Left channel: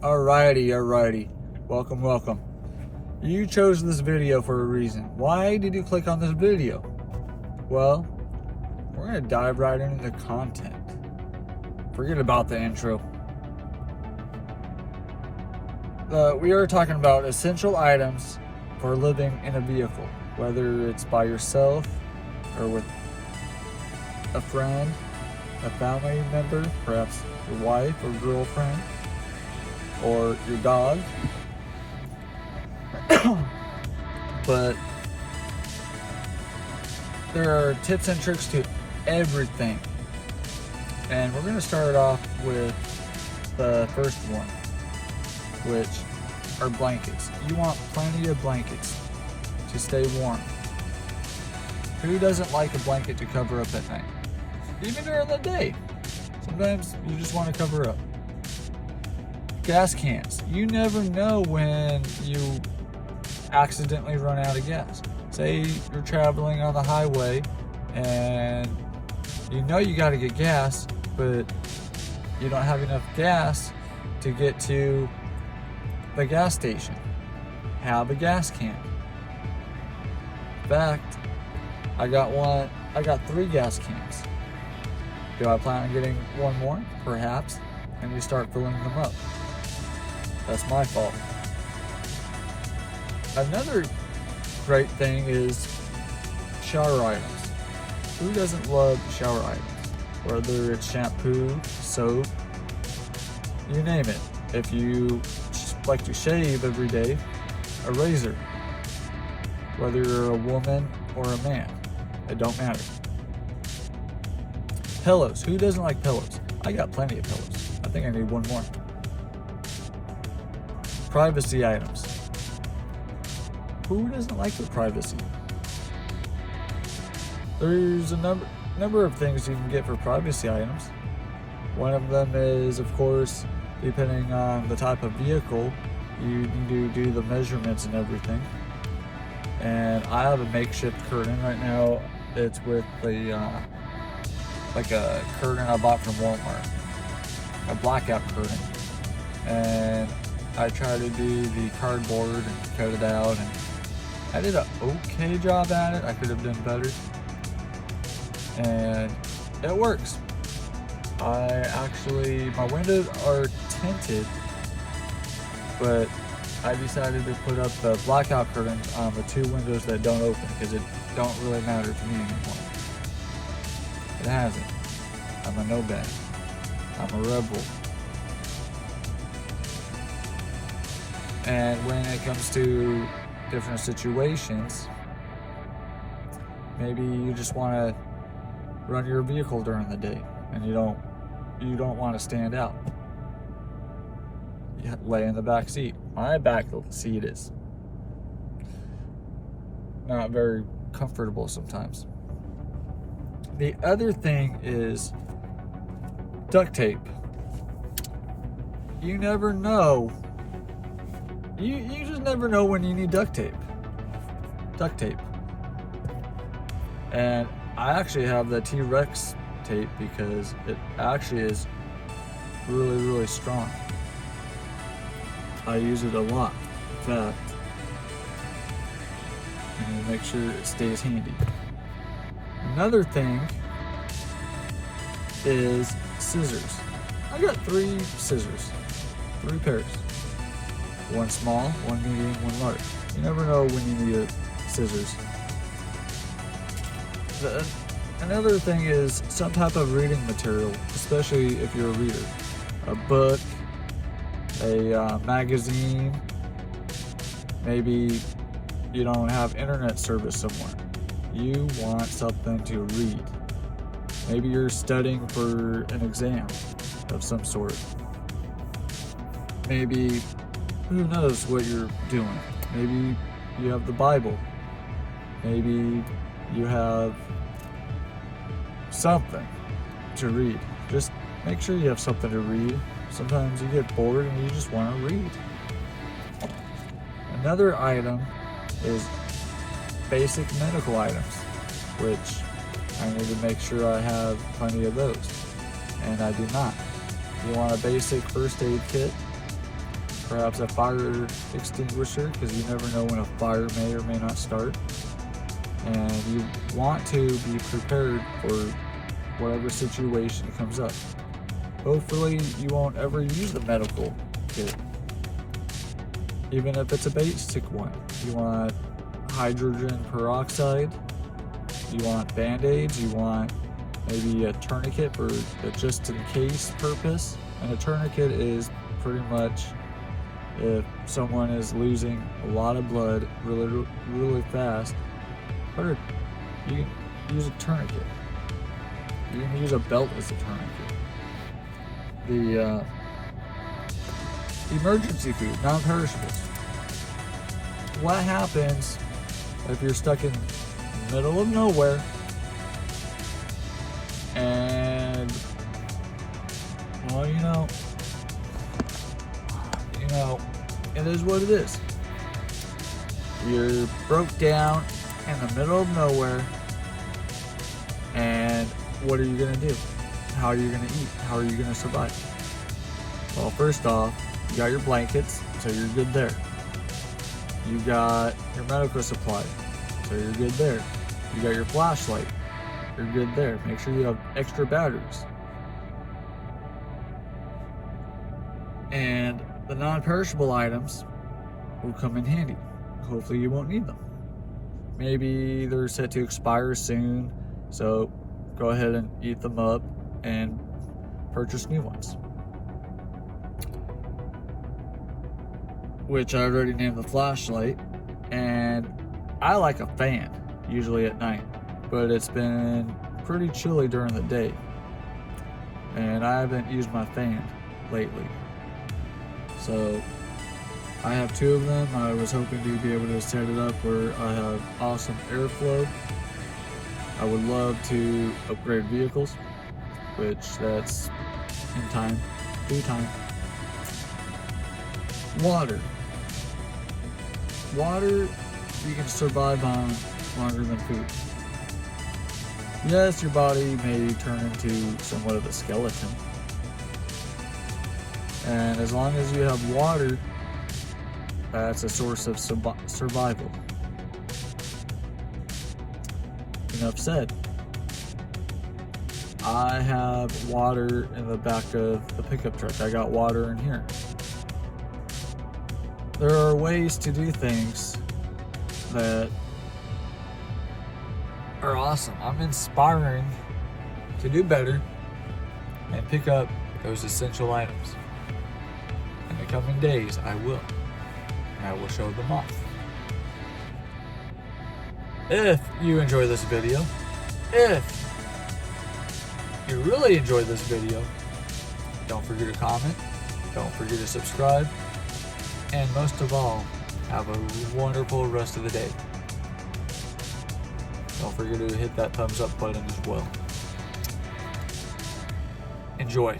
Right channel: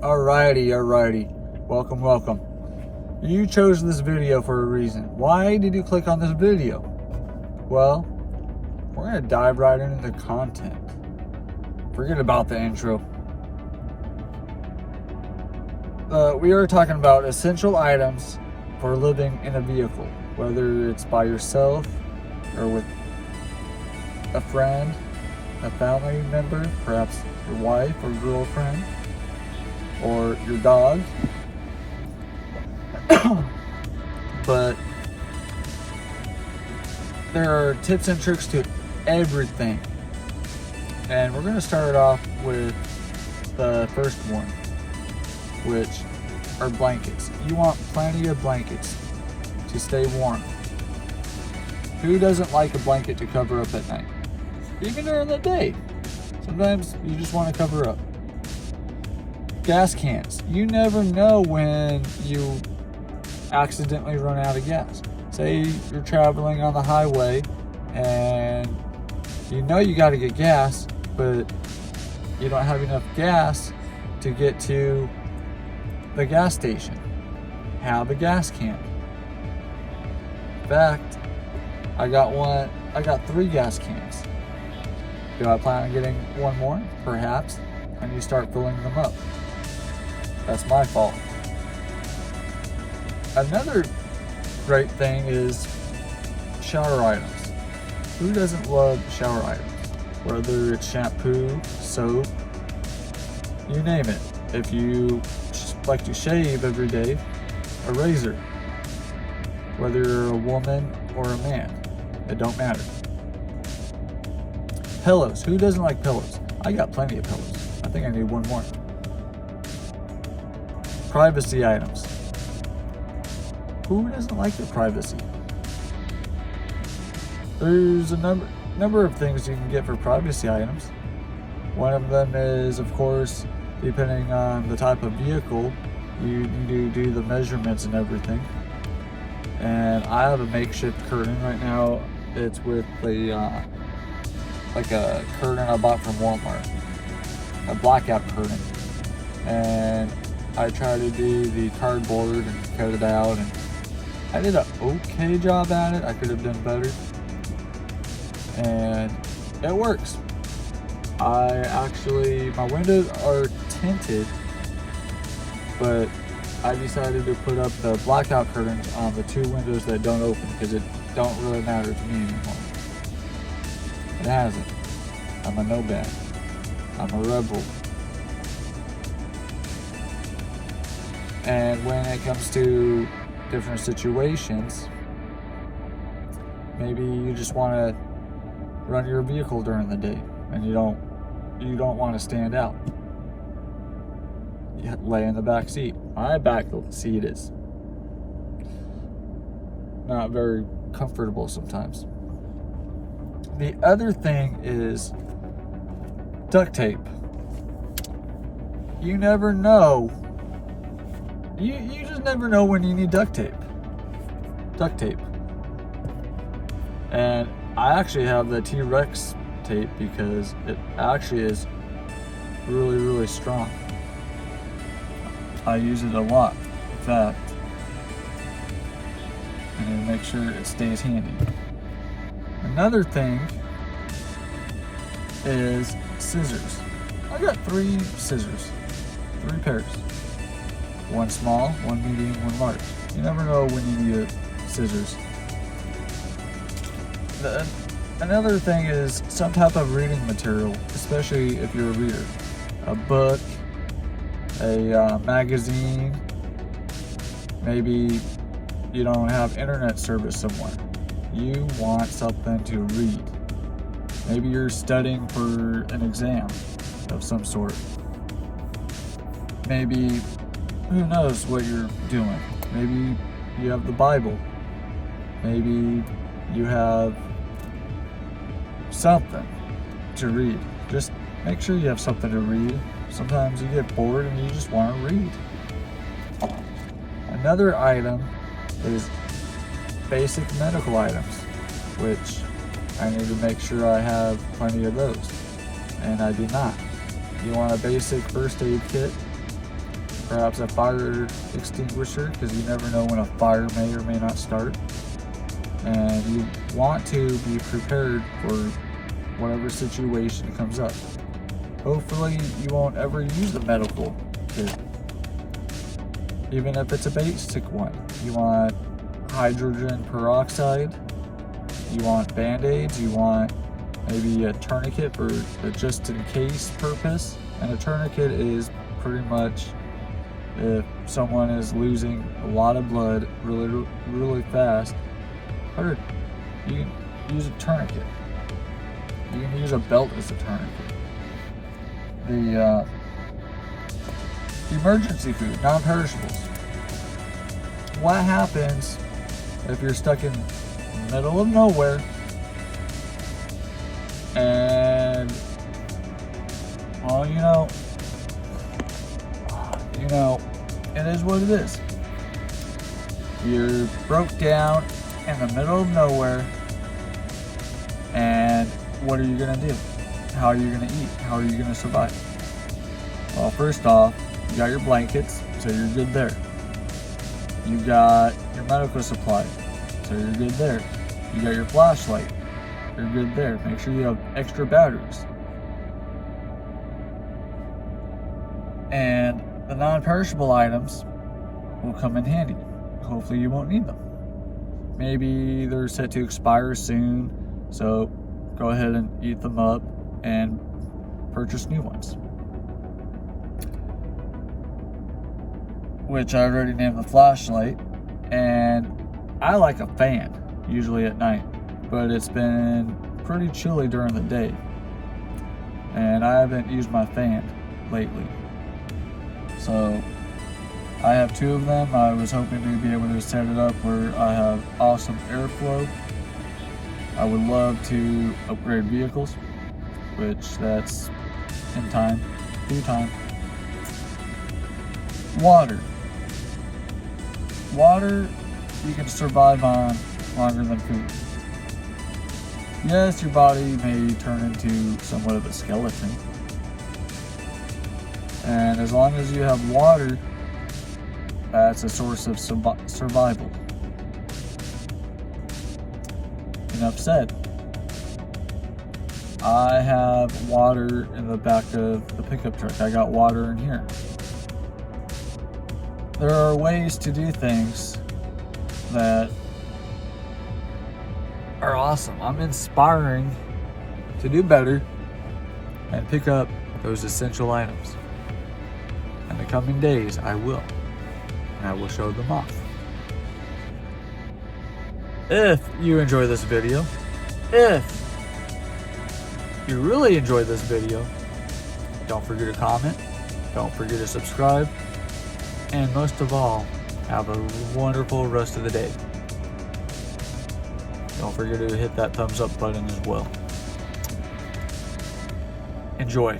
Alrighty. Welcome. You chose this video for a reason. Why did you click on this video? Well, we're gonna dive right into the content. Forget about the intro. We are talking about essential items for living in a vehicle, whether it's by yourself or with a friend, a family member, perhaps your wife or girlfriend, or your dog. But there are tips and tricks to everything. And we're going to start off with the first one, which are blankets. You want plenty of blankets to stay warm. Who doesn't like a blanket to cover up at night? Even during the day. Sometimes you just want to cover up. Gas cans. You never know when you accidentally run out of gas. Say you're traveling on the highway and you know you got to get gas, but you don't have enough gas to get to the gas station. Have a gas can. In fact, I got 3 gas cans. Do I plan on getting one more? Perhaps. And you start filling them up. That's my fault. Another great thing is shower items. Who doesn't love shower items? Whether it's shampoo, soap, you name it. If you like to shave every day, a razor. Whether you're a woman or a man, it don't matter. Pillows. Who doesn't like pillows? I got plenty of pillows. I think I need one more. Privacy items. Who doesn't like their privacy? There's a number of things you can get for privacy items. One of them is, of course, depending on the type of vehicle, you need to do the measurements and everything. And I have a makeshift curtain right now. It's with like a curtain I bought from Walmart, a blackout curtain. And I tried to do the cardboard and cut it out, and I did an okay job at it. I could have done better, and it works. My windows are tinted, but I decided to put up the blackout curtains on the 2 windows that don't open because it don't really matter to me anymore. It hasn't. I'm a no-bad. I'm a rebel. And when it comes to different situations, maybe you just want to run your vehicle during the day and you don't want to stand out. You lay in the back seat. My back seat is not very comfortable sometimes. The other thing is duct tape. You never know. You just never know when you need duct tape. And I actually have the T-Rex tape because it actually is really, really strong. I use it a lot. In fact, I'm going to make sure it stays handy. Another thing is scissors. I got 3 scissors, 3 pairs. One small, one medium, one large. You never know when you need scissors. Another thing is some type of reading material, especially if you're a reader. A book, a magazine. Maybe you don't have internet service somewhere. You want something to read. Maybe you're studying for an exam of some sort. Maybe, who knows what you're doing? Maybe you have the Bible. Maybe you have something to read. Just make sure you have something to read. Sometimes you get bored and you just want to read. Another item is basic medical items, which I need to make sure I have plenty of those, and I do not. You want a basic first aid kit, perhaps a fire extinguisher, because you never know when a fire may or may not start. And you want to be prepared for whatever situation comes up. Hopefully you won't ever use the medical kit, even if it's a basic one. You want hydrogen peroxide, you want band-aids, you want maybe a tourniquet for the just in case purpose. And a tourniquet is pretty much if someone is losing a lot of blood really fast, you can use a tourniquet. You can use a belt as a tourniquet. The emergency food, non-perishables. What happens if you're stuck in the middle of nowhere and, well, you know, it is what it is. You're broke down in the middle of nowhere, and what are you gonna do? How are you gonna eat? How are you gonna survive? Well, first off, you got your blankets, so you're good there. You got your medical supply, so you're good there. You got your flashlight, you're good there. Make sure you have extra batteries. And the non-perishable items will come in handy. Hopefully you won't need them. Maybe they're set to expire soon, so go ahead and eat them up and purchase new ones. Which I already named the flashlight, and I like a fan, usually at night, but it's been pretty chilly during the day, and I haven't used my fan lately. So I have 2 of them. I was hoping to be able to set it up where I have awesome airflow. I would love to upgrade vehicles, which that's in time, due time. Water. Water you can survive on longer than food. Yes, your body may turn into somewhat of a skeleton. And as long as you have water, that's a source of survival. Enough said. I have water in the back of the pickup truck. I got water in here. There are ways to do things that are awesome. I'm inspiring to do better and pick up those essential items. In the coming days, I will. And I will show them off. If you enjoy this video, if you really enjoyed this video, don't forget to comment, don't forget to subscribe, and most of all, have a wonderful rest of the day. Don't forget to hit that thumbs up button as well. Enjoy.